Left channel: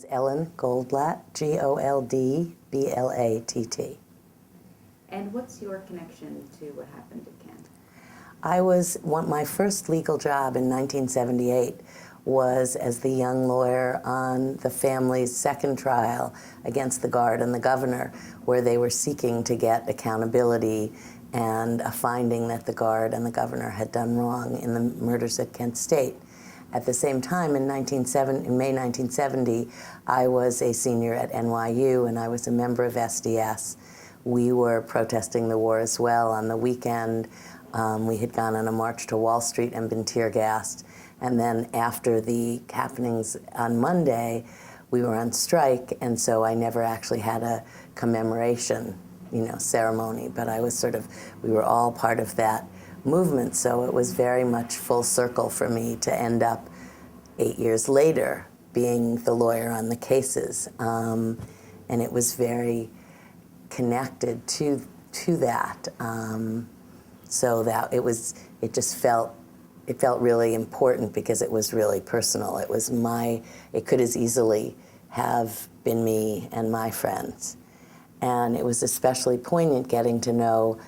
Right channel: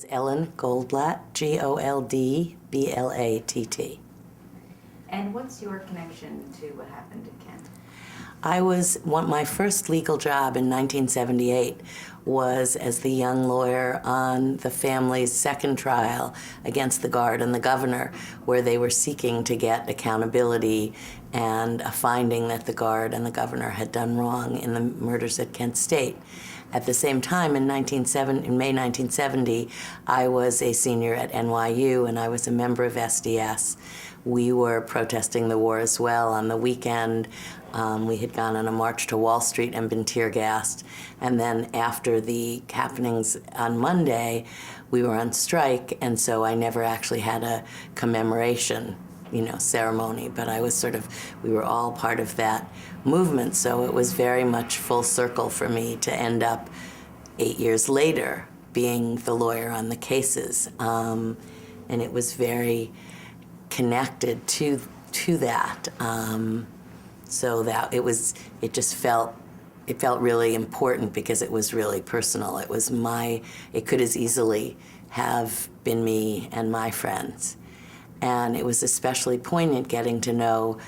is Ellen Goldblatt, Goldblatt. And what's your connection to what happened to Ken? My first legal job in 1978 was as the young lawyer on the family's second trial against the guard and the governor, where they were seeking to get accountability and a finding that the guard and the governor had done wrong in the murders at Kent State. At the same time, in May 1970, I was a senior at NYU and I was a member of SDS. We were protesting the war as well. On the weekend, we had gone on a march to Wall Street and been tear gassed. And then after the happenings on Monday, we were on strike, and so I never actually had a commemoration, ceremony. But we were all part of that movement, so it was very much full circle for me to end up 8 years later being the lawyer on the cases. And it was very connected to that. So that it felt really important because it was really personal. It could as easily have been me and my friends. And it was especially poignant getting to know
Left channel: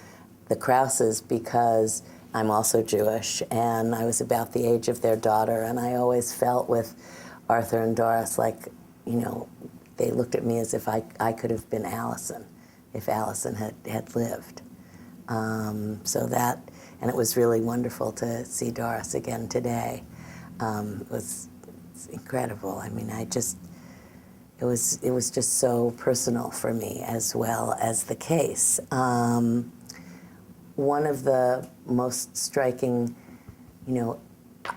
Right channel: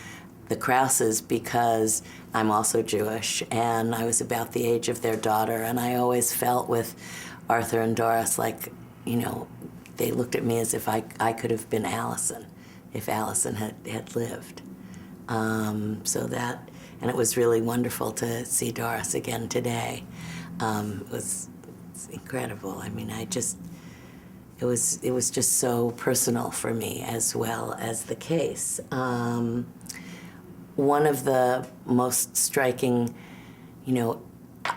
the Krauses because I'm also Jewish and I was about the age of their daughter, and I always felt with Arthur and Doris like, they looked at me as if I could have been Allison if Allison had lived. And it was really wonderful to see Doris again today. It's incredible. I mean, it was just so personal for me as well as the case. One of the most striking,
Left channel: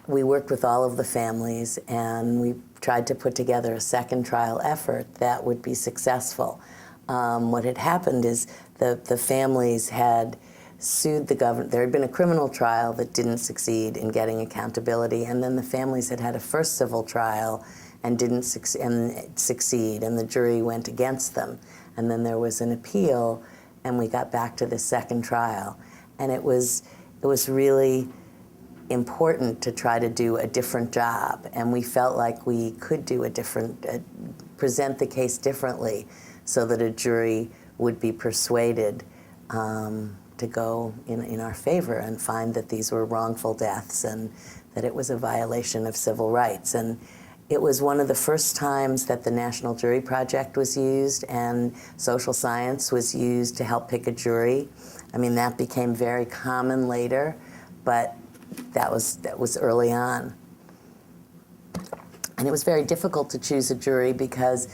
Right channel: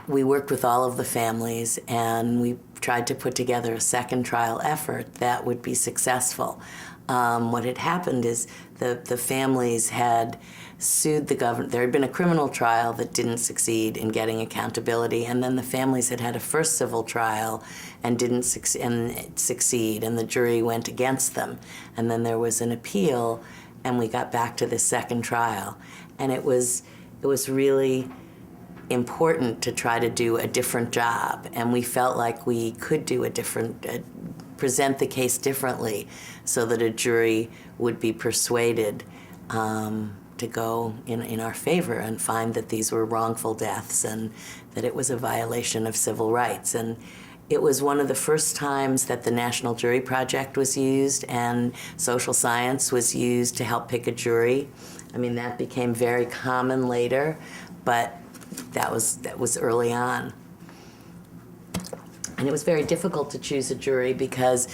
we worked with all of the families and we tried to put together a second trial effort that would be successful. What had happened is the families had sued the government. There had been a criminal trial that didn't succeed in getting accountability, and then the families had had a first civil trial and didn't succeed, and the jury went against them. And then there was an appeal, and we got back to the second trial. And it was really important to try to do a different job, and we felt like we could do present the case differently so that a jury would be persuaded to go in our favor and find that these were wrongful deaths and that it was a violation of civil rights. And it was one of the first times that the National Jury Project was used and social science was used to help pick a jury. I mean, that became very common later, but that was early on. And it was very difficult to choose a jury because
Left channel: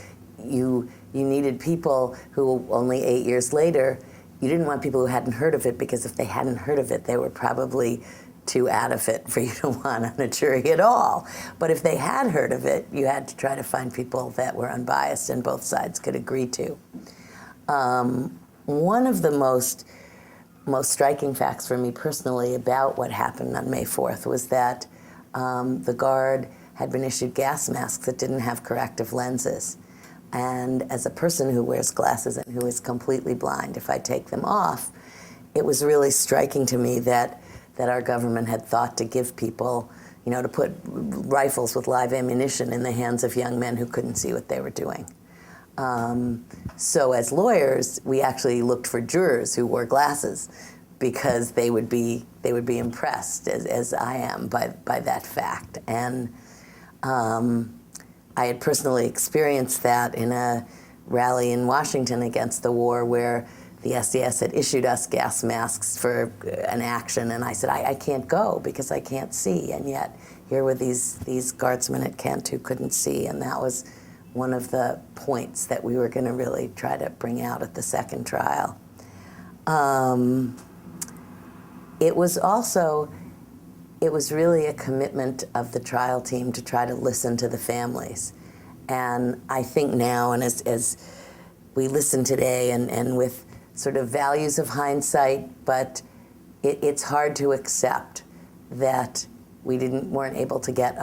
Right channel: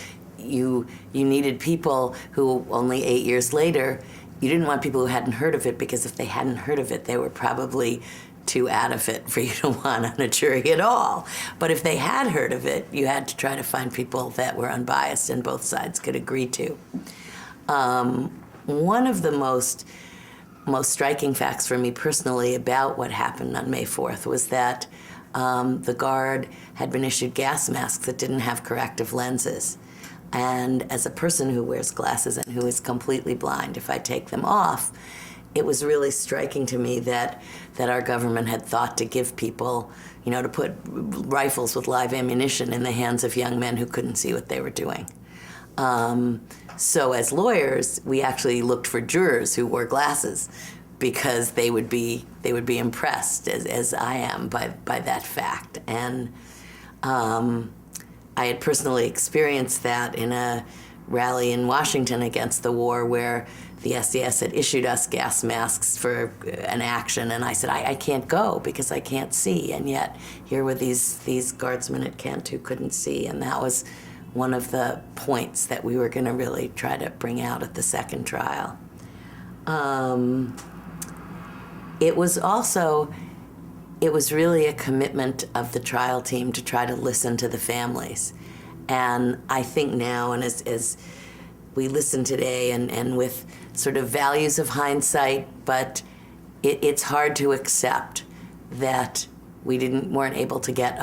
you needed people who only 8 years later, you didn't want people who hadn't heard of it, because if they hadn't heard of it, they were probably too out of it for you to want on a jury at all. But if they had heard of it, you had to try to find people that were unbiased and both sides could agree to. One of the most striking facts for me personally about what happened on May 4th was that the guard had been issued gas masks that didn't have corrective lenses. And as a person who wears glasses and who is completely blind, if I take them off, it was really striking to me that our government had thought to give people, to put rifles with live ammunition in the hands of young men who couldn't see what they were doing. So as lawyers, we actually looked for jurors who wore glasses because they would be impressed, as I am, by that fact. And I had personally experienced that in a rally in Washington against the war where the SDS had issued us gas masks for an action, and I said, I can't go because I can't see. And yet here were these guardsmen at Kent who couldn't see, and that was one of the points that we were going to really try to bring out at the second trial. It was really a commitment of the trial team to try to listen to the families. And I think now, and as we listen today, and with sort of values of hindsight, but it's hard to accept that we weren't able to get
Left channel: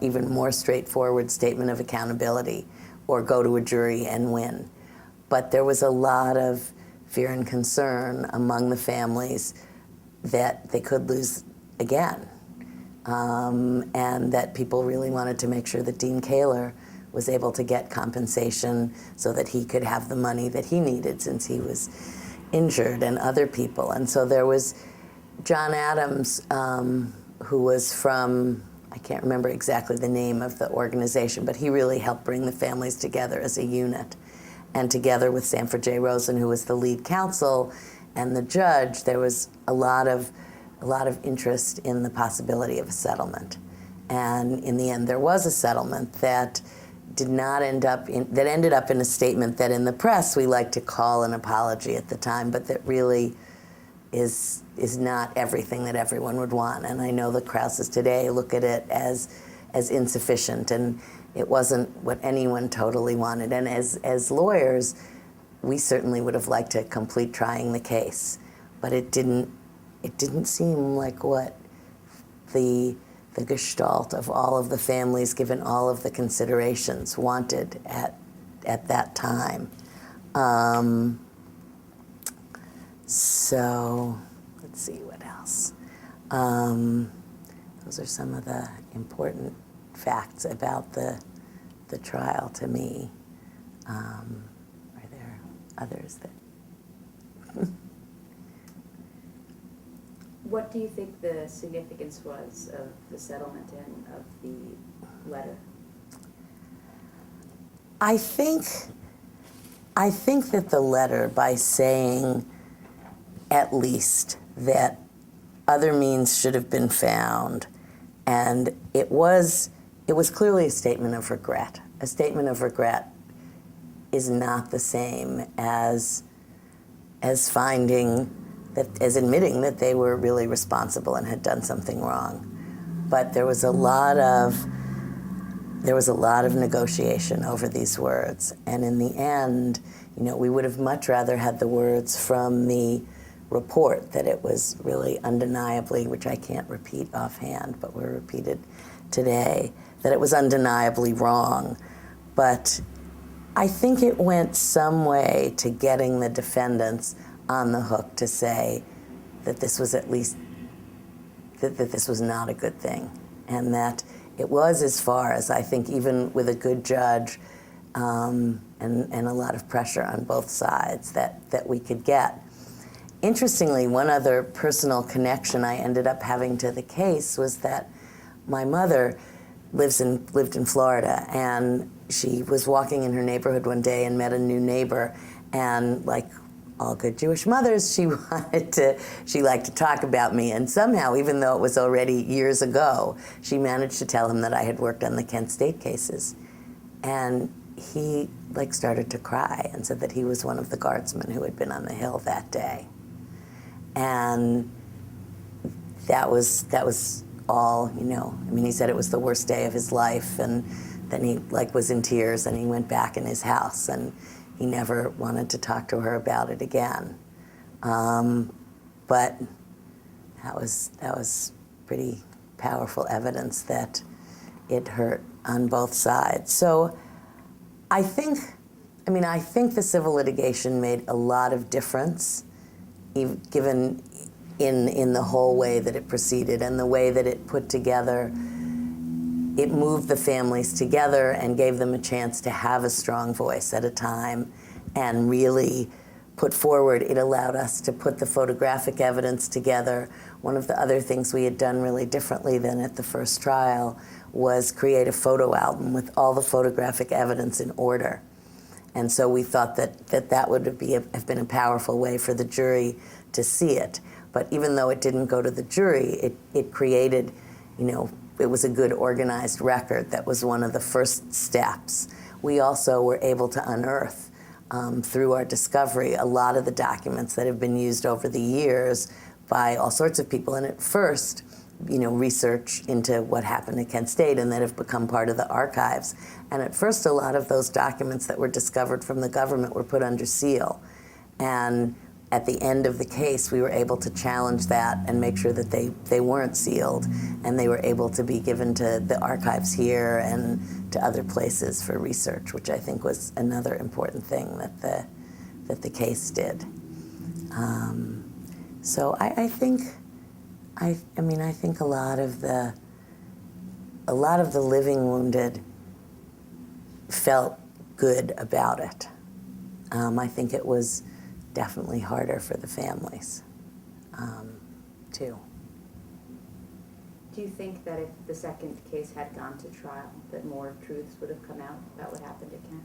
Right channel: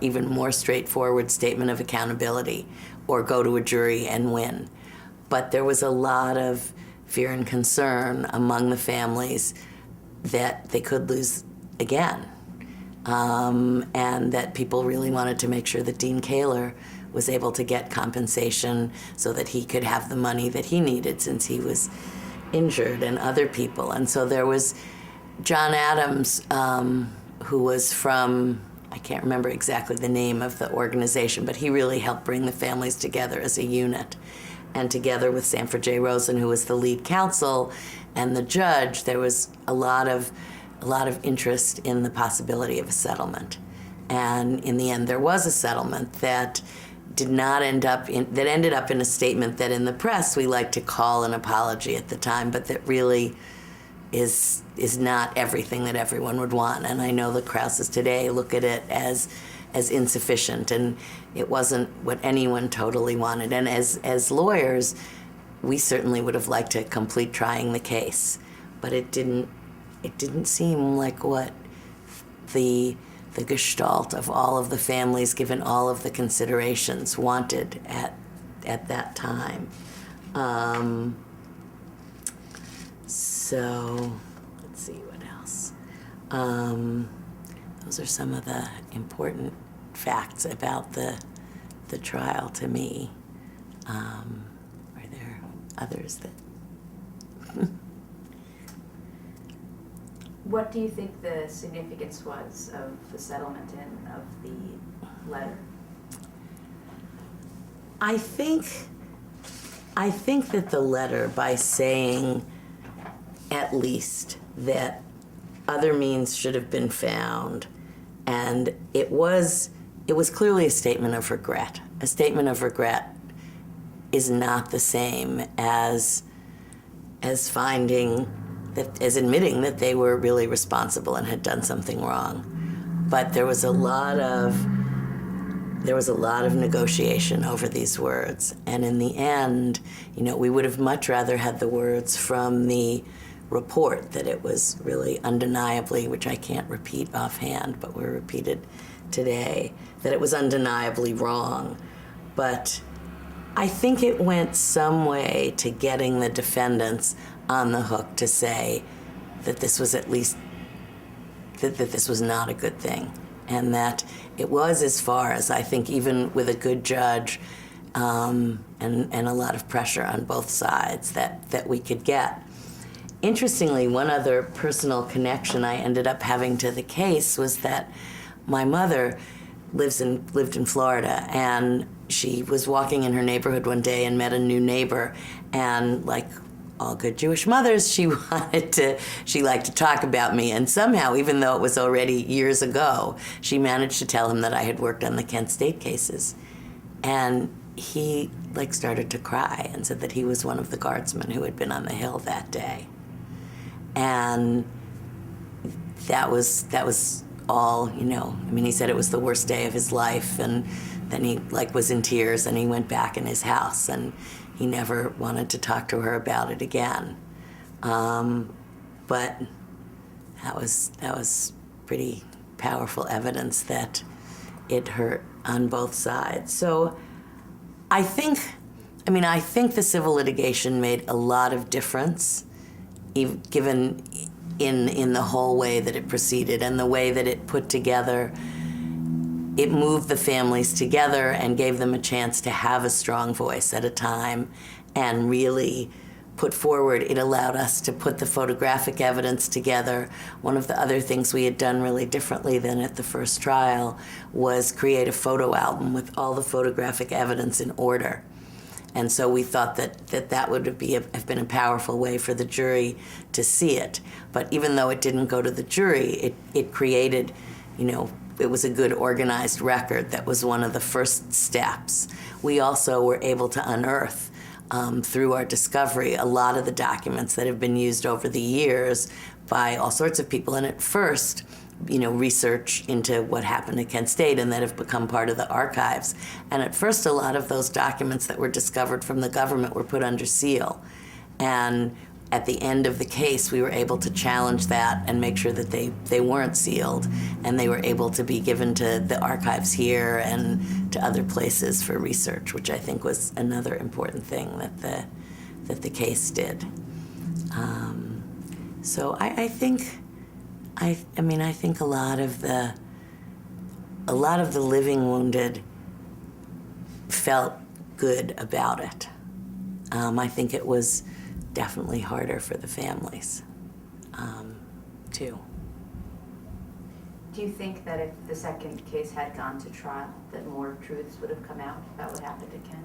even more straightforward statement of accountability or go to a jury and win. But there was a lot of fear and concern among the families that they could lose again. And that people really wanted to make sure that Dean Kaler was able to get compensation so that he could have the money that he needed since he was injured, and other people. And so there was John Adams, who was from, I can't remember exactly the name of the organization, but he really helped bring the families together as a unit. And together with Sanford J. Rosen, who was the lead counsel, and the judge, there was a lot of interest in the possibility of a settlement. And in the end, there was a settlement that ended up in a statement that in the press we like to call an apology at the time, but that really is not everything that everyone would want. And I know the Krauses today look at it as insufficient, and it wasn't what anyone totally wanted. And as lawyers, we certainly would have liked to complete trying the case, but it didn't seem like what the gestalt of all of the families, given all of the considerations, wanted at that time. So let's see what else. Those are some of the important facts about the trial to me. Are there others that? What do you think the significance was of the settlement and of the letter? I think that the letter, by saying at least that other means should have been found, and it was clearly a statement of regret. A statement of regret is not the same as admitting that they were really responsible and had done something wrong. But there was a lot of negotiation over these words, and in the end, we would have much rather had the words from the report that it was really undeniably, which I can't repeat offhand, but were repeated today, that it was undeniably wrong. But I think it went some way to getting the defendants on the hook to say that this was at least, that this was not a good thing, and that it was, as far as I think, even with a good judge and a lot of pressure on both sides, that we could get. Interestingly, one other personal connection I ended up having to the case was that my mother lived in Florida, and she was walking in her neighborhood one day and met a new neighbor, and like all good Jewish mothers, she liked to talk about me, and somehow, even though it was already years ago, she managed to tell him that I had worked on the Kent State cases. And he started to cry and said that he was one of the guardsmen who had been on the Hill that day. And that was all, he said it was the worst day of his life, and then he was in tears, and he went back in his house, and he never wanted to talk to her about it again. But that was pretty powerful evidence that it hurt on both sides. So I think the civil litigation made a lot of difference, given in the whole way that it proceeded and the way that it put together. It moved the families together and gave them a chance to have a strong voice at a time and really put forward. It allowed us to put the photographic evidence together. One of the other things we had done really differently than at the first trial was create a photo album with all the photographic evidence in order. And so we thought that would have been a powerful way for the jury to see it. But even though it didn't go to the jury, it created, it was a good organized record that was one of the first steps. We also were able to unearth, through our discovery, a lot of the documents that have been used over the years by all sorts of people. And at first, research into what happened at Kent State, and that have become part of the archives. And at first, a lot of those documents that were discovered from the government were put under seal. And at the end of the case, we were able to challenge that and make sure that they weren't sealed, and they were able to be given to the archives here and to other places for research, which I think was another important thing that the case did. So I think a lot of the living wounded felt good about it. I think it was definitely harder for the families, too. Do you think that if the second case had gone to trial, that more truths would have come out about what happened at Kent?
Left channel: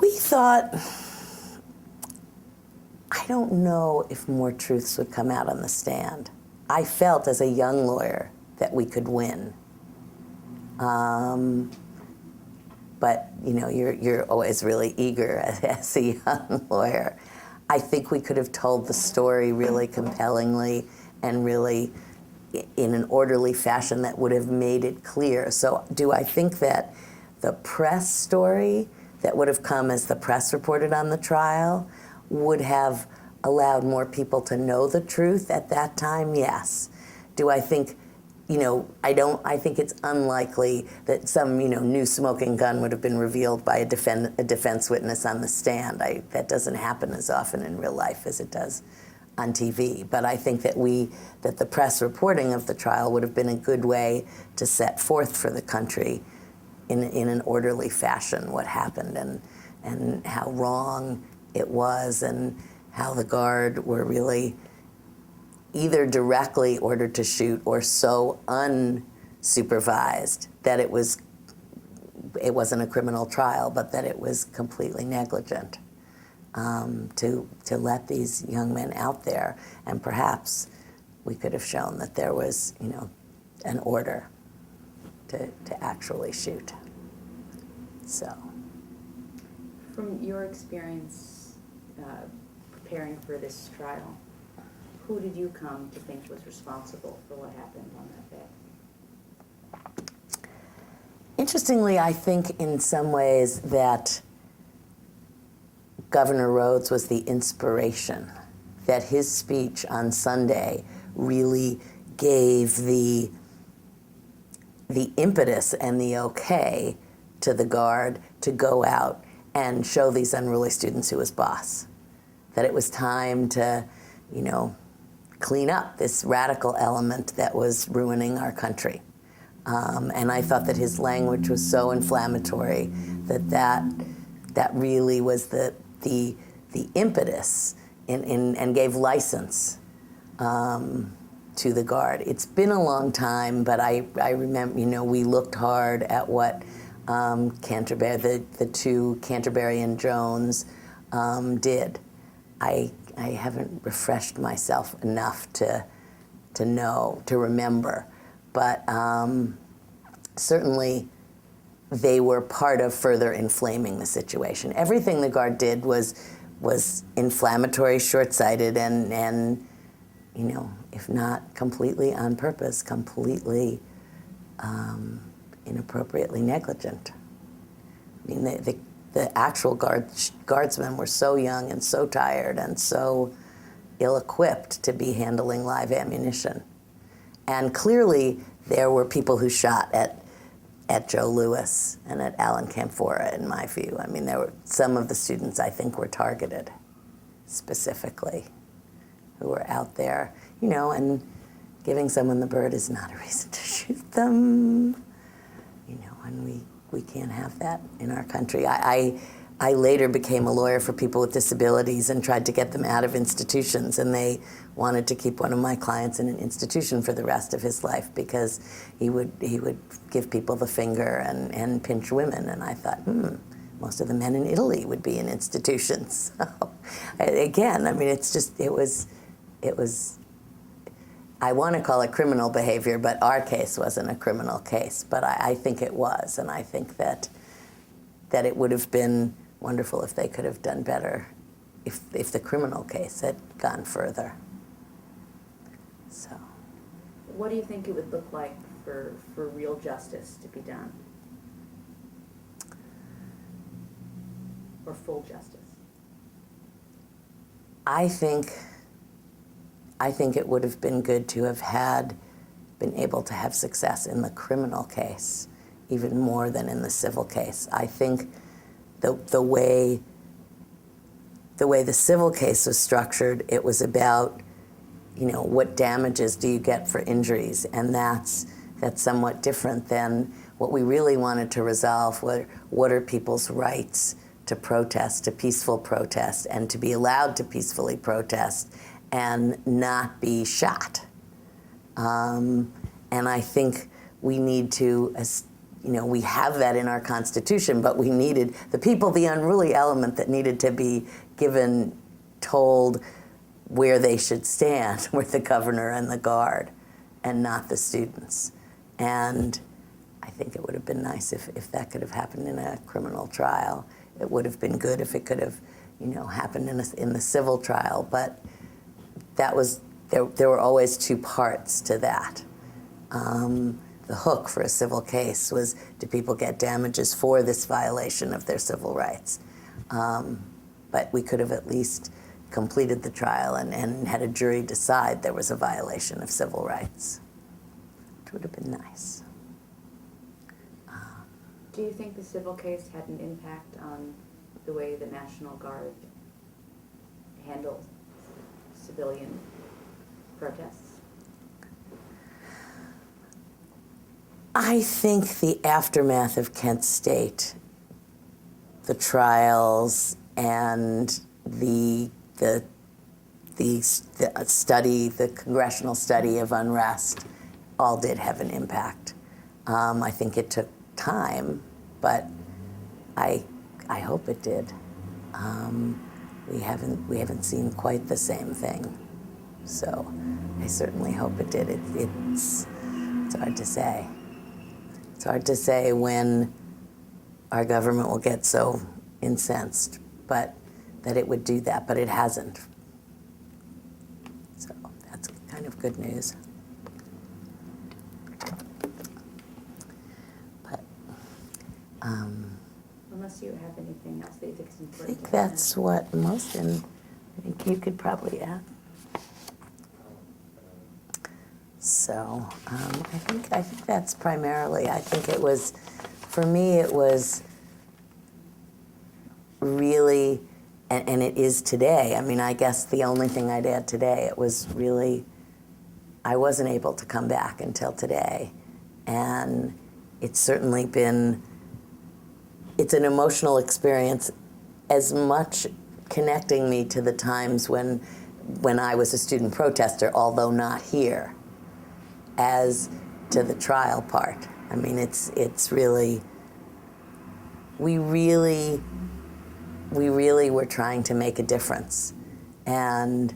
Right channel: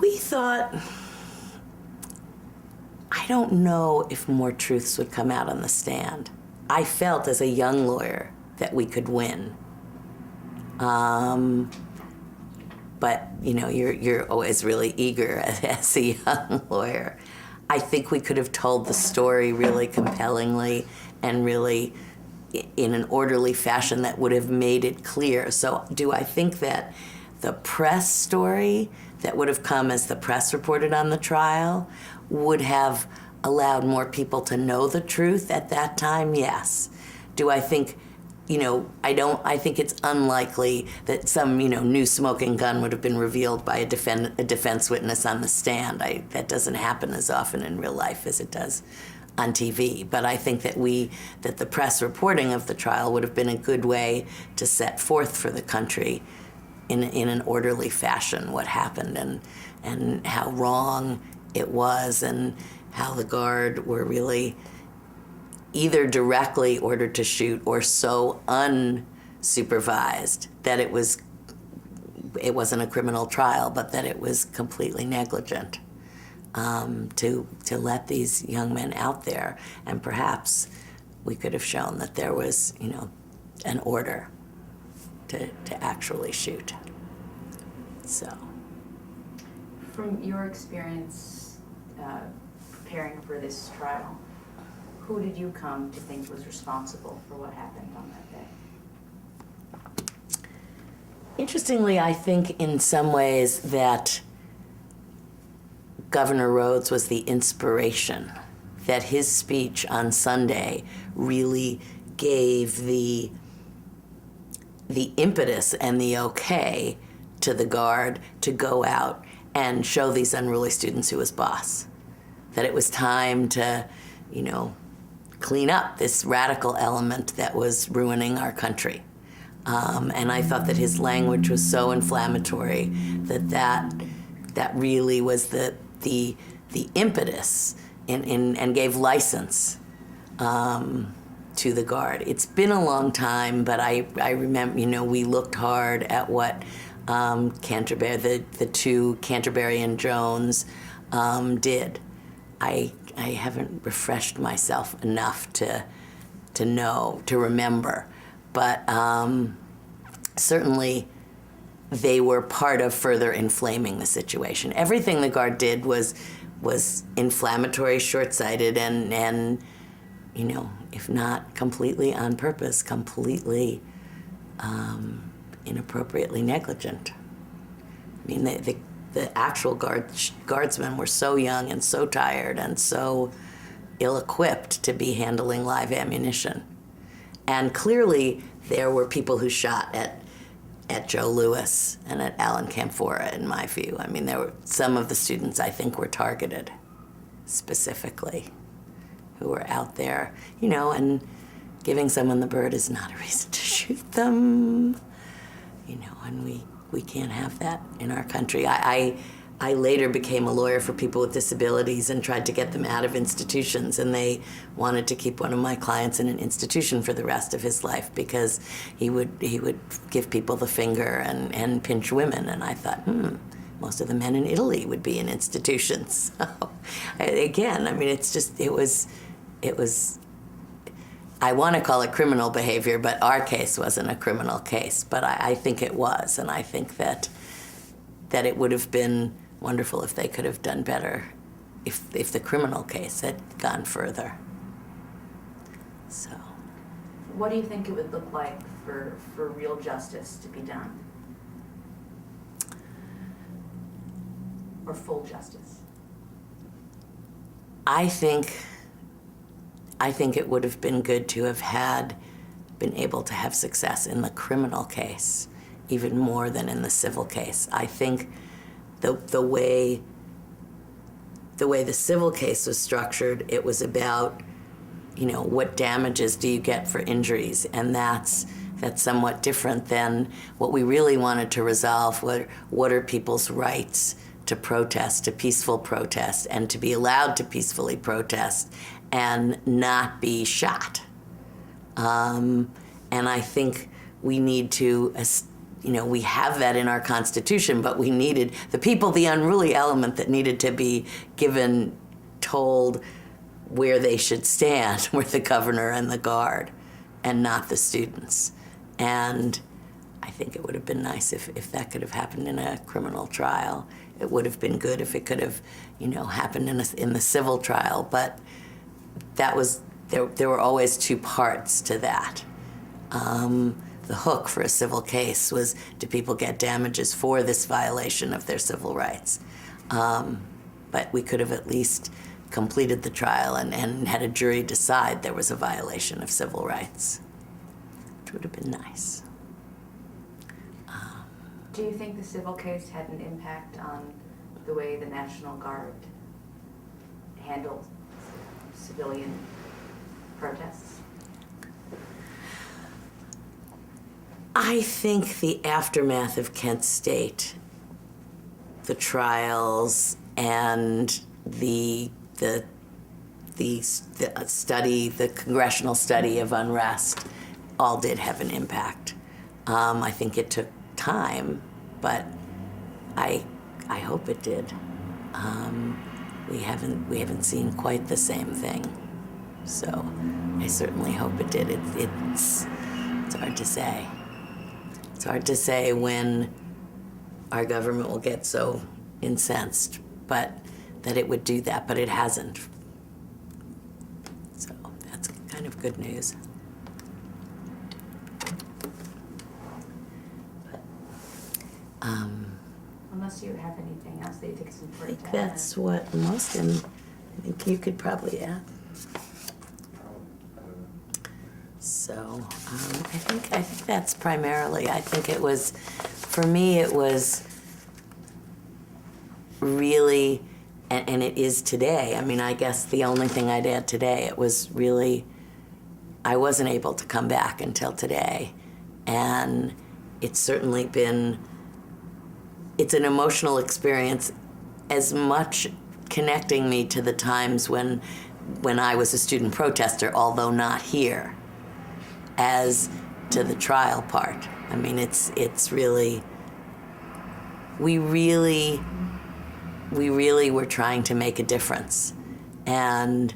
We thought, I don't know if more truths would come out on the stand. I felt as a young lawyer that we could win. But you're always really eager as a young lawyer. I think we could have told the story really compellingly and really in an orderly fashion that would have made it clear. So do I think that the press story that would have come as the press reported on the trial would have allowed more people to know the truth at that time? Yes. Do I think, I think it's unlikely that some, new smoking gun would have been revealed by a defense witness on the stand. That doesn't happen as often in real life as it does on TV. But I think that the press reporting of the trial would have been a good way to set forth for the country in an orderly fashion what happened and how wrong it was and how the guard were really either directly ordered to shoot or so unsupervised that it wasn't a criminal trial, but that it was completely negligent to let these young men out there. And perhaps we could have shown that there was, an order to actually shoot. So. From your experience preparing for this trial, who did you come to think was responsible for what happened on that day? Interestingly, I think in some ways that Governor Rhodes was the inspiration, that his speech on Sunday really gave the impetus and the okay to the guard to go out and show these unruly students who was boss. That it was time to, clean up this radical element that was ruining our country. And I thought that his language was so inflammatory that really was the impetus and gave license to the guard. It's been a long time, but I remember, we looked hard at what Canterbury, the two, Canterbury and Jones, did. I haven't refreshed myself enough to know, to remember, but certainly they were part of further inflaming the situation. Everything the guard did was inflammatory, short-sighted, and if not completely on purpose, completely inappropriately negligent. I mean, the actual guardsmen were so young and so tired and so ill-equipped to be handling live ammunition. And clearly, there were people who shot at Joe Lewis and at Alan Camphora, in my view. I mean, there were some of the students I think were targeted specifically, who were out there, and giving someone the bird is not a reason to shoot them, and we can't have that in our country. I later became a lawyer for people with disabilities and tried to get them out of institutions, and they wanted to keep one of my clients in an institution for the rest of his life because he would give people the finger and pinch women, and I thought, most of the men in Italy would be in institutions. So, again, I mean, it was, I want to call it criminal behavior, but our case wasn't a criminal case, but I think it was, and I think that it would have been wonderful if they could have done better if the criminal case had gone further. So. What do you think it would look like for real justice to be done? Or full justice? I think it would have been good to have been able to have success in the criminal case, even more than in the civil case. I think the way the civil case was structured, it was about, what damages do you get for injuries, and that's that's somewhat different than what we really wanted to resolve. What are people's rights to protest, to peaceful protest, and to be allowed to peacefully protest and not be shot. And I think we need to, we have that in our Constitution, but we needed the people, the unruly element that needed to be told where they should stand were the governor and the guard, and not the students. And I think it would have been nice if that could have happened in a criminal trial. It would have been good if it could have, happened in the civil trial. But that was there were always two parts to that. The hook for a civil case was, do people get damages for this violation of their civil rights? But we could have at least completed the trial and had a jury decide there was a violation of civil rights, which would have been nice. Do you think the civil case had an impact on the way the National Guard handled civilian protests? I think the aftermath of Kent State, the trials, and the study, the congressional study of unrest, all did have an impact. I think it took time, but I hope it did. We haven't seen quite the same thing, so I certainly hope it did. It's hard to say. It's hard to say when our government will get so incensed, but that it would do that, but it hasn't. So that's kind of good news. But, unless you have anything else that you think is I important think to add. that's what most, and I think you could probably add. So I think that's primarily, I think it was, for me it was really, and it is today, I mean, I guess the only thing I'd add today, it was really, I wasn't able to come back until today. And it's certainly been, it's an emotional experience, as much connecting me to the times when I was a student protester, although not here, as to the trial part. I mean, it's really, we really were trying to make a difference. And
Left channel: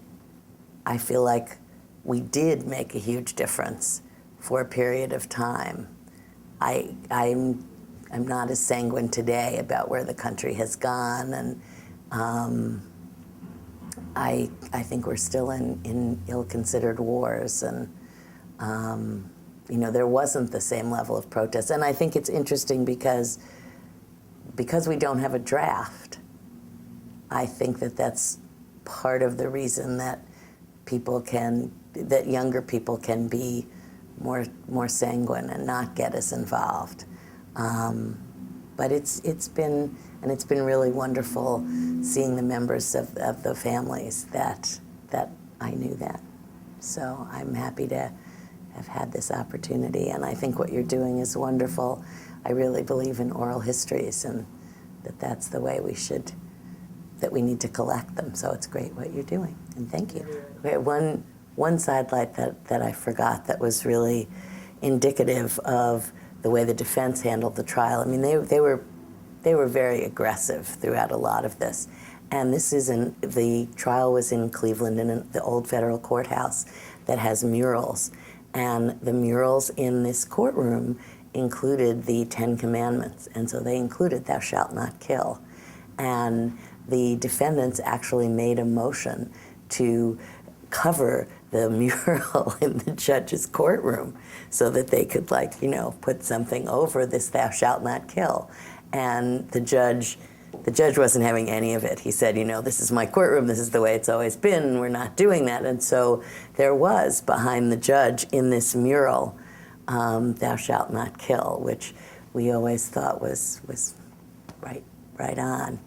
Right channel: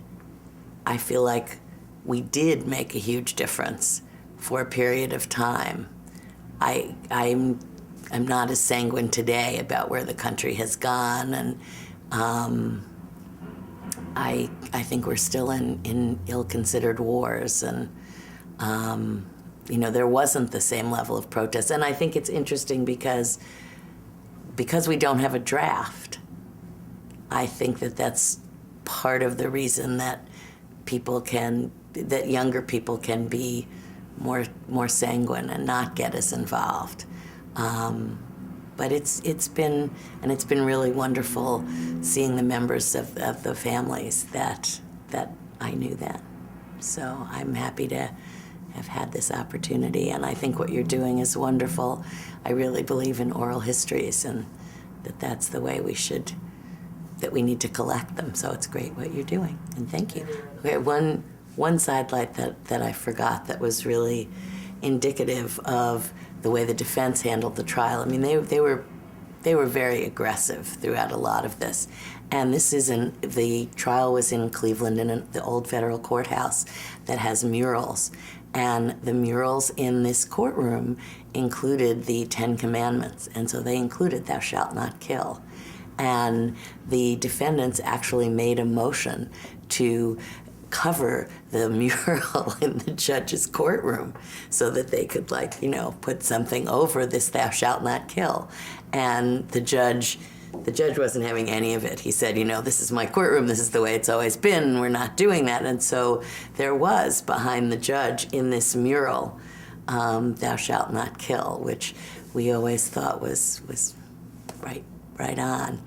I feel like we did make a huge difference for a period of time. I'm not as sanguine today about where the country has gone, and I think we're still in ill-considered wars, and there wasn't the same level of protest. And I think it's interesting because we don't have a draft. I think that's part of the reason that younger people can be more sanguine and not get as involved. But it's been really wonderful seeing the members of the families that I knew that. So I'm happy to have had this opportunity, and I think what you're doing is wonderful. I really believe in oral histories, and that's the way that we need to collect them. So it's great what you're doing, and thank you. We had one sidelight that I forgot that was really indicative of the way the defense handled the trial. I mean, they were very aggressive throughout a lot of this. And the trial was in Cleveland in the old federal courthouse that has murals. And the murals in this courtroom included the 10 Commandments. And so they included thou shalt not kill. And the defendants actually made a motion to cover the mural in the judge's courtroom so that they could put something over this thou shalt not kill. And the judge wasn't having any of it. He said, this is my courtroom, this is the way it's always been, we're not doing that. And so there was behind the judge in this mural, thou shalt not kill, which we always thought was right on.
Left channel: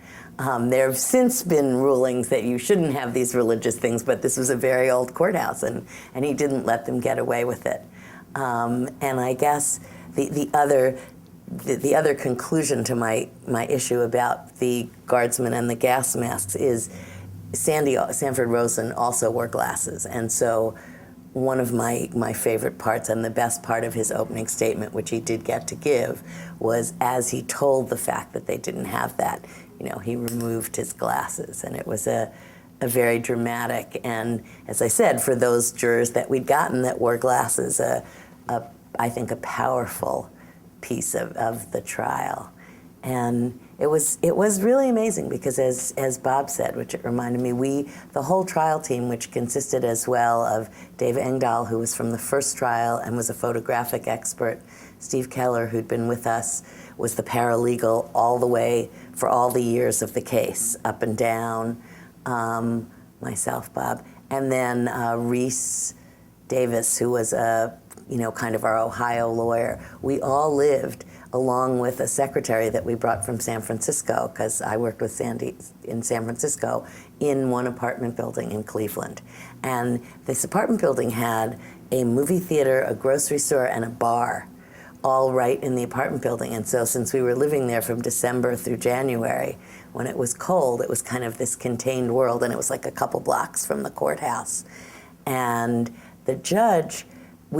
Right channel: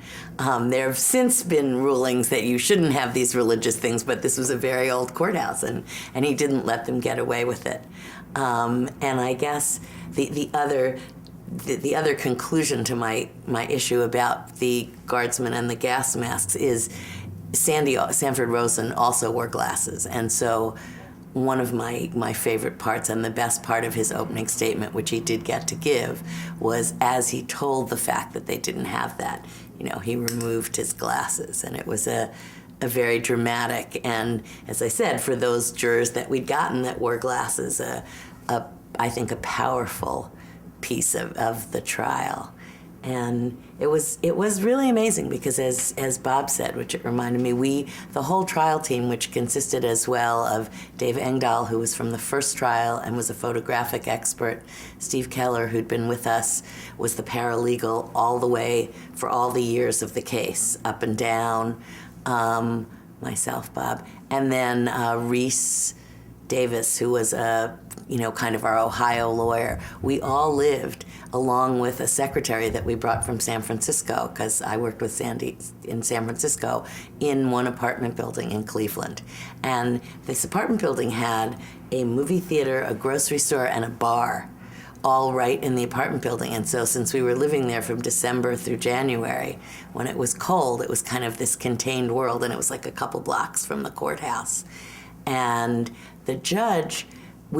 There have since been rulings that you shouldn't have these religious things, but this was a very old courthouse, and he didn't let them get away with it. And I guess the other conclusion to my issue about the guardsmen and the gas masks is Sanford Rosen also wore glasses, and so one of my favorite parts and the best part of his opening statement, which he did get to give, was as he told the fact that they didn't have that, he removed his glasses, and it was a very dramatic, and as I said, for those jurors that we'd gotten that wore glasses, I think a powerful piece of the trial. And it was really amazing because as Bob said, which it reminded me, the whole trial team, which consisted as well of Dave Engdahl, who was from the first trial and was a photographic expert, Steve Keller, who'd been with us, was the paralegal all the way for all the years of the case, up and down, myself, Bob, and then Reese Davis, who was kind of our Ohio lawyer. We all lived along with a secretary that we brought from San Francisco, because I worked with Sandy in San Francisco, in one apartment building in Cleveland. And this apartment building had a movie theater, a grocery store, and a bar, all right in the apartment building. And so since we were living there from December through January, when it was cold, it was kind of this contained world, and it was like a couple blocks from the courthouse. And the judge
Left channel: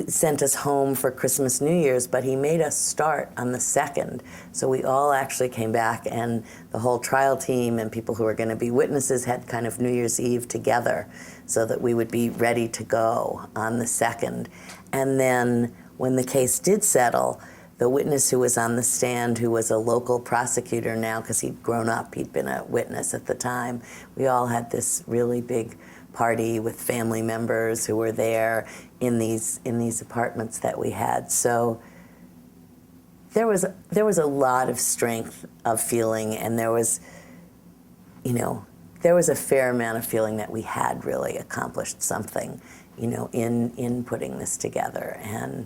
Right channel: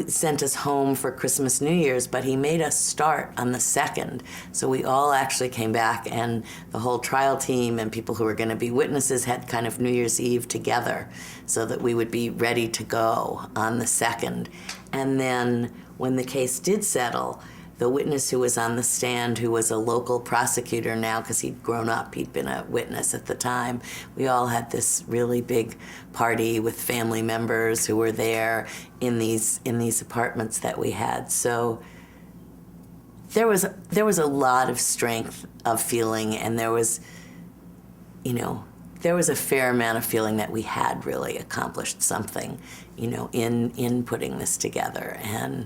sent us home for Christmas, New Year's, but he made us start on the 2nd. So we all actually came back, and the whole trial team and people who were going to be witnesses had kind of New Year's Eve together so that we would be ready to go on the 2nd. And then when the case did settle, the witness who was on the stand, who was a local prosecutor now because he'd grown up, he'd been a witness at the time, we all had this really big party with family members who were there in these apartments that we had. So there was a lot of strength of feeling, and there was a fair amount of feeling that we had really accomplished something, in putting this together, and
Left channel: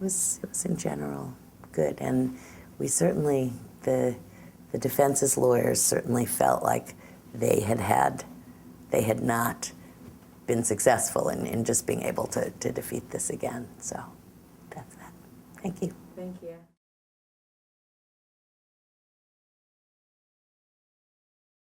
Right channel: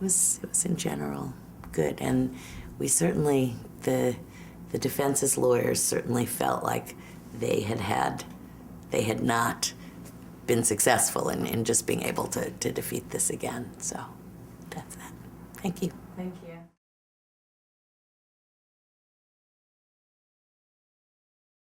it was in general good. And we certainly, the defense's lawyers certainly felt like they had not been successful in just being able to defeat this again. So that's that. Thank you. Thank you.